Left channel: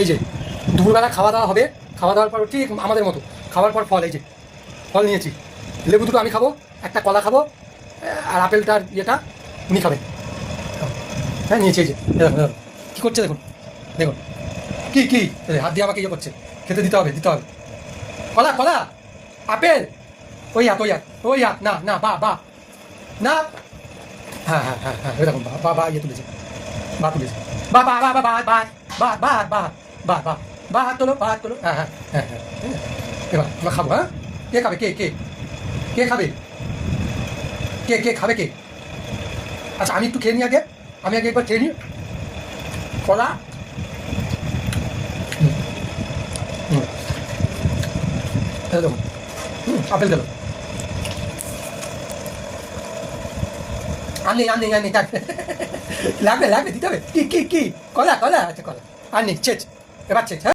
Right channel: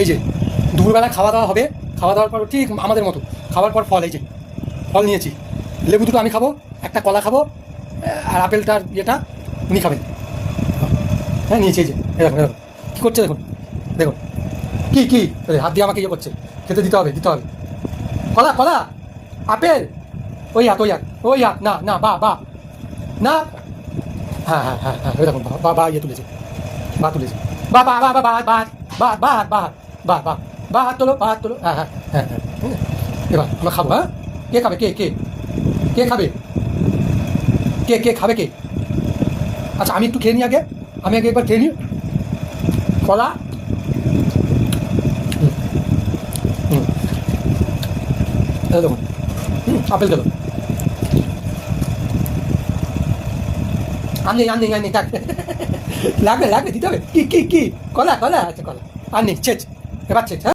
এই যে দুপুরবেলা খাওয়া দাওয়া হবে, খাওয়া দাওয়ার পর ঠিক আমাদের মতো খাওয়ার পর ফল, এই যে ফল নিয়েছি, লেবু দুটো আমি খাবো, একটা কলা খাবো, আর আপেলটার ইয়েটা উনি খাবেন। হ্যাঁ নিয়েছি, এই যে দেখুন দেখুন কী করছে, দেখুন দেখুন কী কী হাত দিয়ে আমাকে ইয়ে করছে, খেতে দিতে হবে দিতে হবে। কলা কলা আপেল, ওই হাত ওই হাত ওই হাত, না না বা বা না, হ্যাঁ হ্যাঁ হ্যাঁ হ্যাঁ ওই দেখুন বা বা ইয়ে তুলেছে, বা তুলেছে, বা বা বা বা বা বা বা বা বা বা বা বা হাত তোলো, বা হাত তোলো, হ্যাঁ হ্যাঁ হ্যাঁ হ্যাঁ। এবার এবার খাবো, হ্যাঁ কে খাবে, কে কে কে খাবে, কে কে খাবে কে? আচ্ছা আমি একটু খেয়ে নিই আগে, আমি আগে একবার খেয়ে নিই। কলা, হুম দেখুন, আপেল দেবো, আর নেই আর নেই আর নেই, থাক। লাগবে লাগবে দিতে হবে, কি কি কি কলা কলা, আচ্ছা কলা আর নেই, ছেচ এবার ছেচ, হ্যাঁ।